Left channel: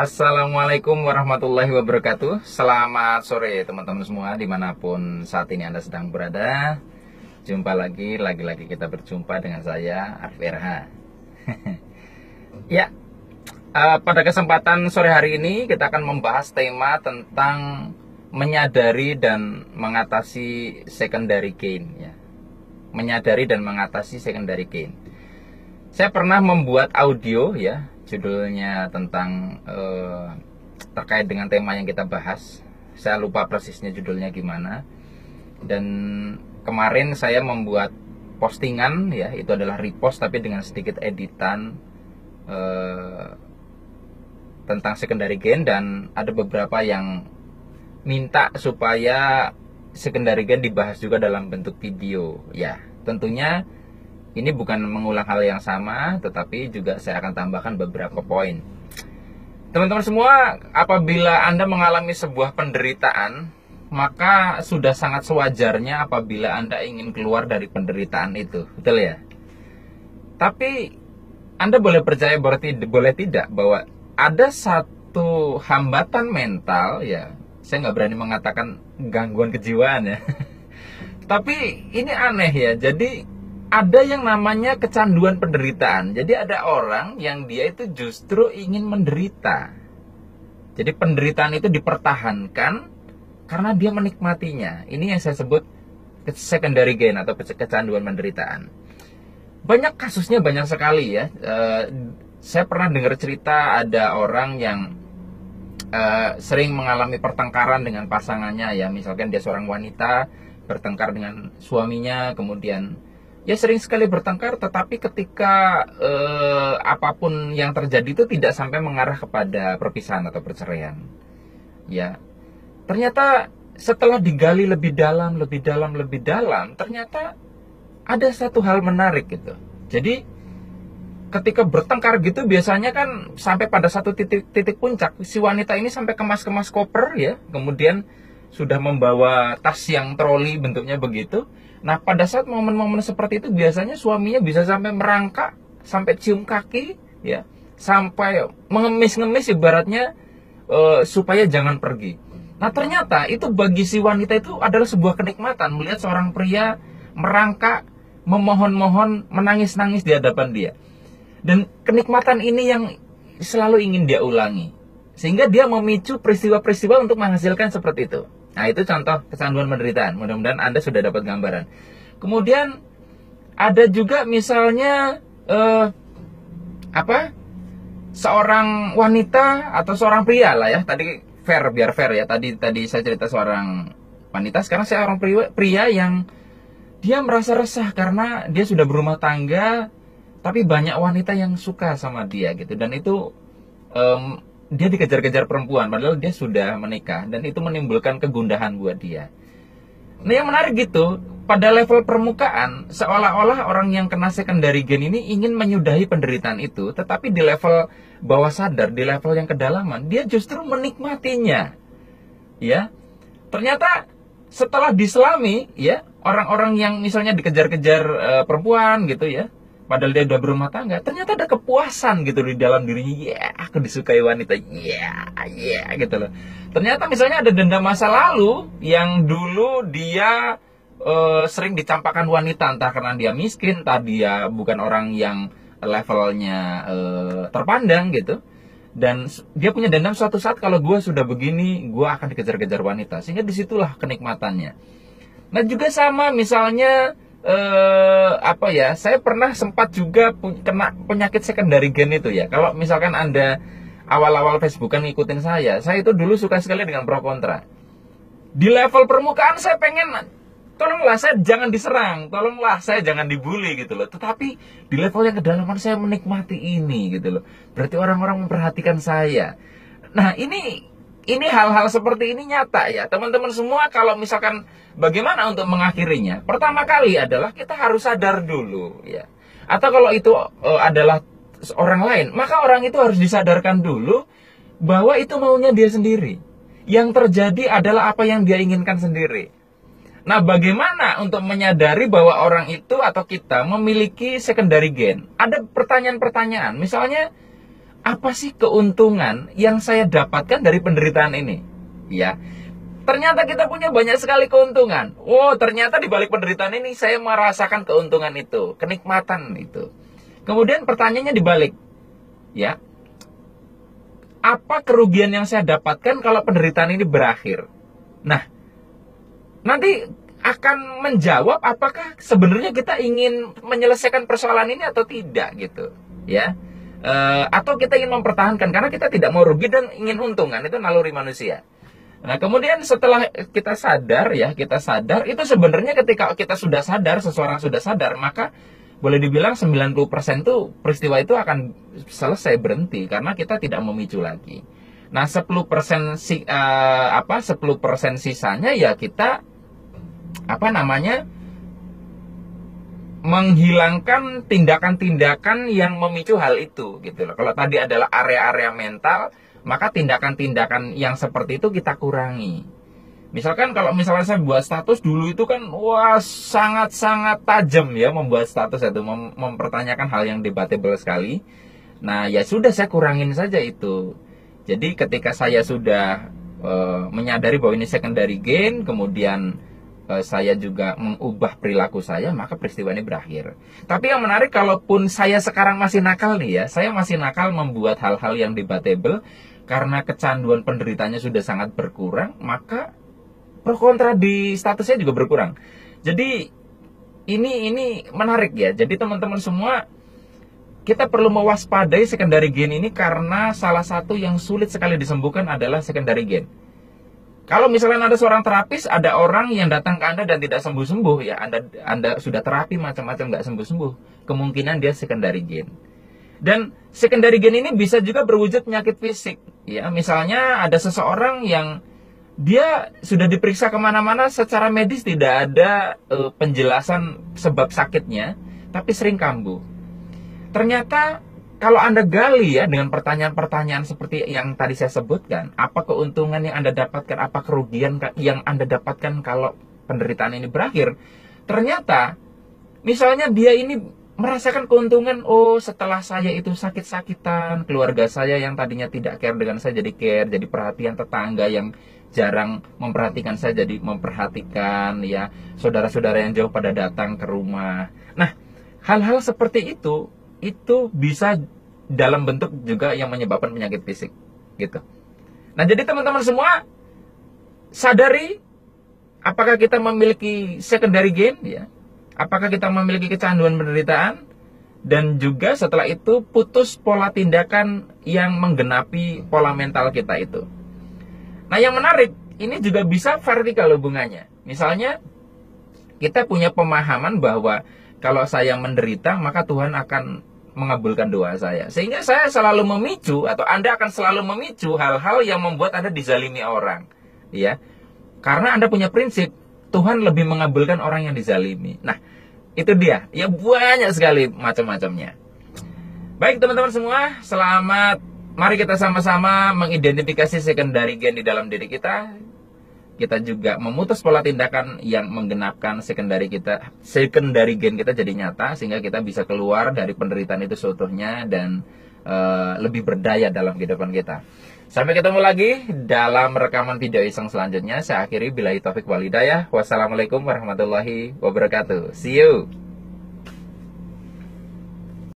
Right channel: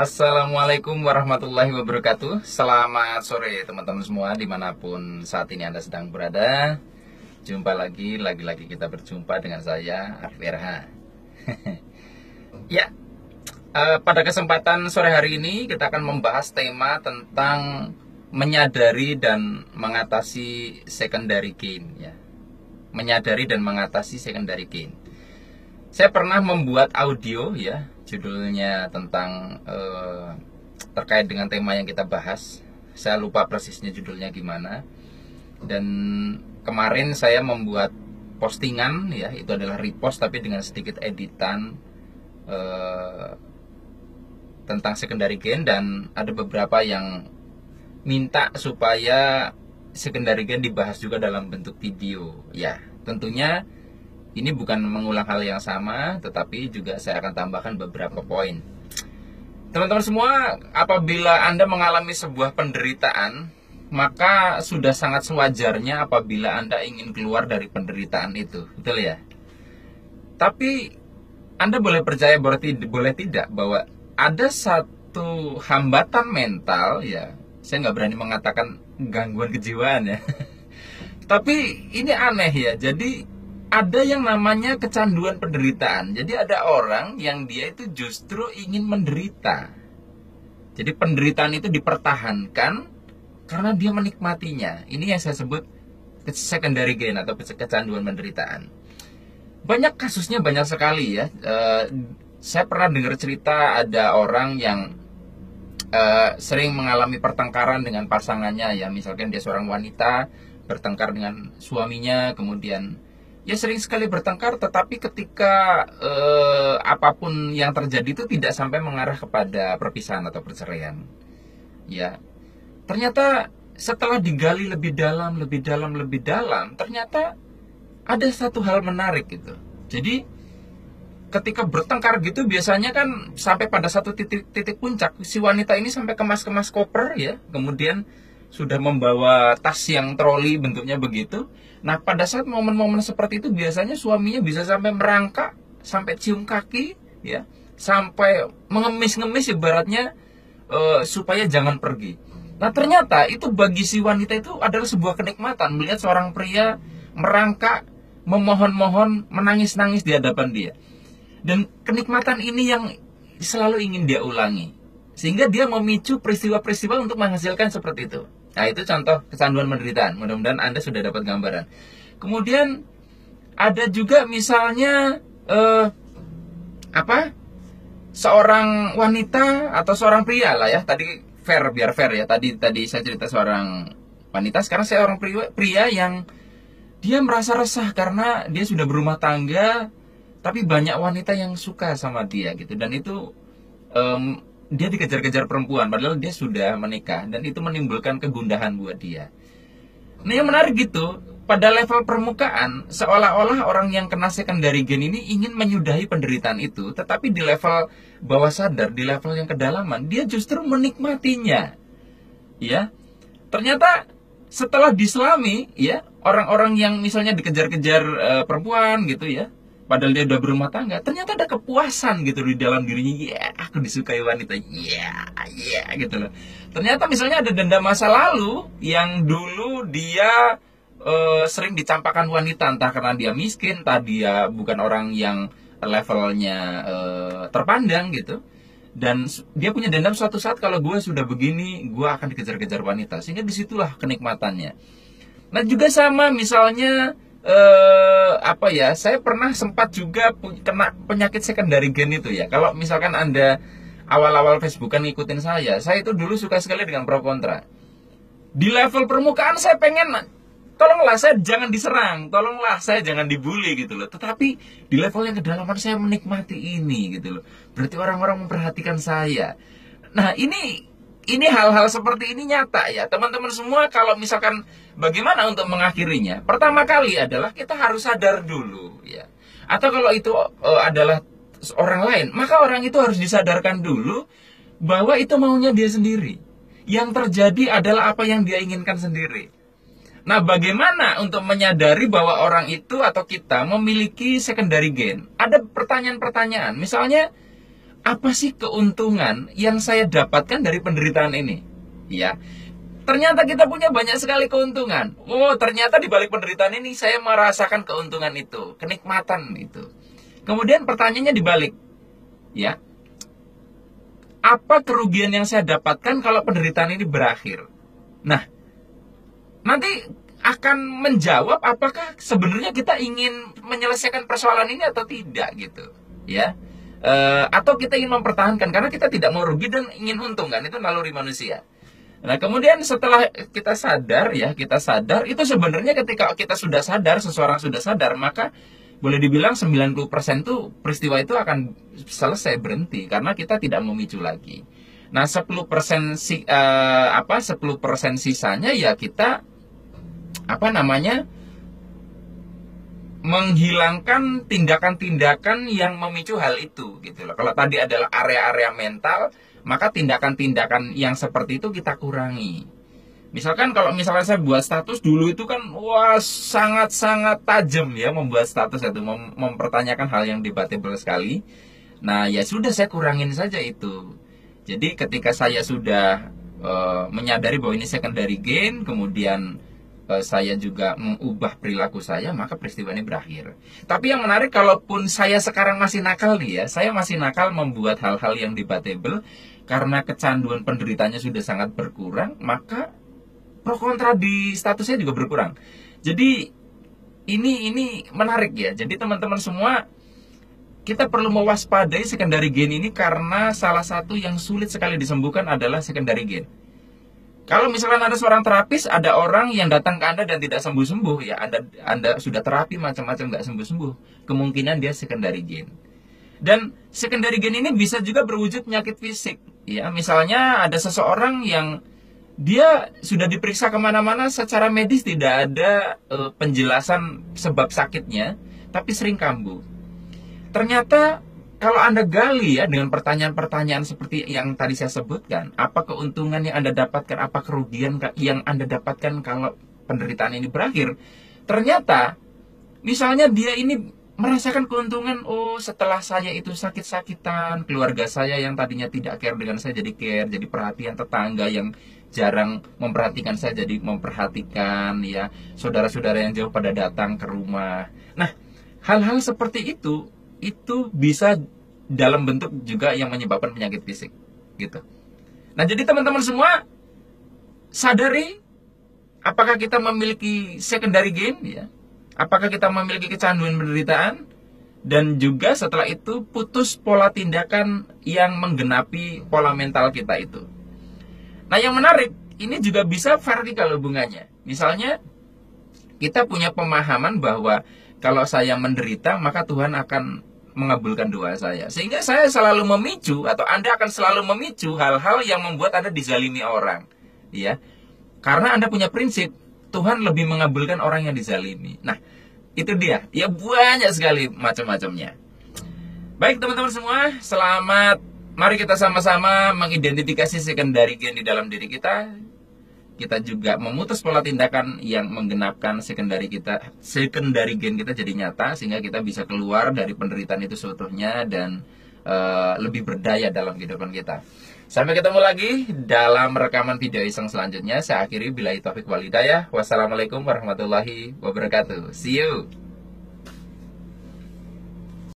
Assalamualaikum warahmatullahi wabarakatuh. Selamat sore teman-teman semua dimanapun saat ini Anda sedang berada. Jumpa lagi kita berjumpa dengan saya Arif RH. Ya, pada kesempatan sore hari ini kita akan membahas tema tentang menyadari dan mengatasi secondary gain, ya. Menyadari dan mengatasi secondary gain. Saya pernah membuat audio, ya, judulnya tentang terkait dengan tema yang kita bahas. Saya lupa persisnya judulnya gimana. Dan kemarin saya membuat postingan, ya, itu adalah repost tapi dengan sedikit editan tentang secondary gain, dan ada beberapa yang minta supaya secondary gain dibahas juga dalam bentuk video. Ya, tentunya ini bukan mengulang hal yang sama, tetapi juga saya akan tambahkan beberapa poin. Teman-teman semua, apabila Anda mengalami sebuah penderitaan, maka sudah sangat sewajarnya apabila Anda ingin keluar dari penderitaan itu. Betul ya? Tapi Anda boleh percaya, boleh tidak, bahwa ada satu hambatan mental, ya. Saya nggak berani mengatakan gangguan kejiwaan, ya. Tapi ini aneh, ya. Jadi ada yang namanya kecanduan penderitaan. Jadi ada orang yang dia itu justru ingin menderita. Jadi penderitaan itu dipertahankan karena dia menikmatinya. Ini yang saya sebut secondary gain atau kecanduan penderitaan. Banyak kasusnya, banyak sekali, ya. Saya pernah dengar cerita ada orang yang sering mengalami pertengkaran dengan pasangannya, ya. Misalkan dia seorang wanita bertengkar dengan suaminya, kemudian ya sering sekali bertengkar, tetapi ketika apapun yang terjadi itu tidak sampai mengarah kepada perpisahan atau perceraian. Ya, ternyata setelah digali lebih dalam, ternyata ada satu hal menarik gitu. Jadi ketika bertengkar gitu biasanya kan sampai pada satu titik puncak, si wanita ini sampai kemas-kemas koper, ya, kemudian sudah membawa tas yang troli bentuknya begitu. Nah, pada saat momen-momen seperti itu biasanya suaminya bisa sampai merangkak, sampai cium kaki, ya, sampai mengemis-ngemis ibaratnya supaya jangan pergi. Nah, ternyata itu bagi si wanita itu adalah sebuah kenikmatan melihat seorang pria merangkak, memohon-mohon, menangis-nangis di hadapan dia. Dan kenikmatan ini yang selalu ingin dia ulangi, sehingga dia memicu peristiwa-peristiwa untuk menghasilkan seperti itu. Nah, itu contoh kecanduan penderitaan. Mudah-mudahan Anda sudah dapat gambaran. Kemudian ada juga misalnya seorang wanita atau seorang pria lah, ya. Tadi biar fair, ya. Tadi saya cerita seorang wanita, sekarang saya orang pria yang dia merasa resah karena dia sudah berumah tangga, tapi banyak wanita yang suka sama dia gitu. Dan itu dia dikejar-kejar perempuan padahal dia sudah menikah, dan itu menimbulkan kegundahan buat dia. Nah, yang menarik gitu, pada level permukaan seolah-olah orang yang kena secondary gain ini ingin menyudahi penderitaan itu, tetapi di level bawah sadar, di level yang kedalaman, dia justru menikmatinya. Ya. Ternyata setelah diselami, ya, orang-orang yang misalnya dikejar-kejar perempuan gitu, ya, padahal dia udah berumah tangga, ternyata ada kepuasan gitu di dalam dirinya. Ya, aku disukai wanita. Ya, gitu loh. Ternyata misalnya ada dendam masa lalu yang dulu dia sering dicampakkan wanita, entah karena dia miskin, entah dia bukan orang yang levelnya terpandang gitu. Dan dia punya dendam suatu saat, kalau gue sudah begini, gue akan dikejar-kejar wanita. Sehingga disitulah kenikmatannya. Nah, juga sama misalnya saya pernah sempat juga kena penyakit secondary gain itu, ya. Kalau misalkan Anda awal-awal Facebookan ngikutin saya itu dulu suka sekali dengan pro kontra. Di level permukaan saya pengen, tolonglah saya jangan diserang, tolonglah saya jangan dibully gitu loh. Tetapi di level yang kedalaman saya menikmati ini gitu loh. Berarti orang-orang memperhatikan saya. Nah, ini hal-hal seperti ini nyata, ya. Teman-teman semua, kalau misalkan bagaimana untuk mengakhirinya? Pertama kali adalah kita harus sadar dulu, ya. Atau kalau itu adalah orang lain, maka orang itu harus disadarkan dulu bahwa itu maunya dia sendiri. Yang terjadi adalah apa yang dia inginkan sendiri. Nah, bagaimana untuk menyadari bahwa orang itu atau kita memiliki secondary gain? Ada pertanyaan-pertanyaan. Misalnya, apa sih keuntungan yang saya dapatkan dari penderitaan ini? Ya, ternyata kita punya banyak sekali keuntungan. Oh, ternyata di balik penderitaan ini saya merasakan keuntungan itu, kenikmatan itu. Kemudian pertanyaannya dibalik, ya, apa kerugian yang saya dapatkan kalau penderitaan ini berakhir? Nah, nanti akan menjawab apakah sebenarnya kita ingin menyelesaikan persoalan ini atau tidak gitu, ya. Atau kita ingin mempertahankan karena kita tidak mau rugi dan ingin untung, kan itu naluri manusia. Nah, kemudian setelah kita sadar, ya, kita sadar itu sebenarnya ketika kita sudah sadar, seseorang sudah sadar, maka boleh dibilang 90% tuh peristiwa itu akan selesai, berhenti karena kita tidak memicu lagi. Nah, 10% 10% sisanya ya kita menghilangkan tindakan-tindakan yang memicu hal itu gitu loh. Kalau tadi adalah area-area mental, maka tindakan-tindakan yang seperti itu kita kurangi. Misalkan kalau misalnya saya buat status dulu itu kan wah sangat-sangat tajam ya membuat status itu, mempertanyakan hal yang debatable sekali. Nah, ya sudah saya kurangin saja itu. Jadi ketika saya sudah menyadari bahwa ini secondary gain, kemudian saya juga mengubah perilaku saya, maka peristiwa ini berakhir. Tapi yang menarik, kalaupun saya sekarang masih nakal nih ya, saya masih nakal membuat hal-hal yang debatable, karena kecanduan penderitanya sudah sangat berkurang, maka pro kontra di status saya juga berkurang. Jadi ini menarik ya. Jadi teman-teman semua, kita perlu mewaspadai secondary gain ini karena salah satu yang sulit sekali disembuhkan adalah secondary gain. Kalau misalnya ada seorang terapis, ada orang yang datang ke Anda dan tidak sembuh-sembuh, ya Anda sudah terapi macam-macam nggak sembuh-sembuh, kemungkinan dia secondary gain. Dan secondary gain ini bisa juga berwujud penyakit fisik, ya. Misalnya ada seseorang yang dia sudah diperiksa kemana-mana, secara medis tidak ada penjelasan sebab sakitnya, tapi sering kambuh. Ternyata kalau Anda gali ya dengan pertanyaan-pertanyaan seperti yang tadi saya sebutkan, apa keuntungan yang Anda dapatkan, apa kerugian yang Anda dapatkan kalau penderitaan ini berakhir? Ternyata, misalnya dia ini merasakan keuntungan, oh setelah saya itu sakit-sakitan, keluarga saya yang tadinya tidak care dengan saya jadi care, jadi perhatian, tetangga yang jarang memperhatikan saya jadi memperhatikan, ya, saudara-saudara yang jauh pada datang ke rumah. Nah, hal-hal seperti itu bisa dalam bentuk juga yang menyebabkan penyakit fisik gitu. Nah, jadi teman-teman semua sadari apakah kita memiliki secondary gain, ya, apakah kita memiliki kecanduan penderitaan, dan juga setelah itu putus pola tindakan yang menggenapi pola mental kita itu. Nah, yang menarik, ini juga bisa vertikal hubungannya. Misalnya kita punya pemahaman bahwa kalau saya menderita maka Tuhan akan mengabulkan doa saya, sehingga saya selalu memicu, atau Anda akan selalu memicu hal-hal yang membuat Anda dizalimi orang, ya, karena Anda punya prinsip Tuhan lebih mengabulkan orang yang dizalimi. Nah, itu dia, ya, banyak sekali macam-macamnya. Baik teman-teman semua, selamat. Mari kita sama-sama mengidentifikasi secondary gain di dalam diri kita. Kita juga memutus pola tindakan yang menggenapkan secondary gain kita jadi nyata, sehingga kita bisa keluar dari penderitaan itu seutuhnya dan lebih berdaya dalam kehidupan kita. Sampai ketemu lagi dalam rekaman video iseng selanjutnya. Saya akhiri billahi taufik wal hidayah. Wassalamualaikum warahmatullahi wabarakatuh. See you.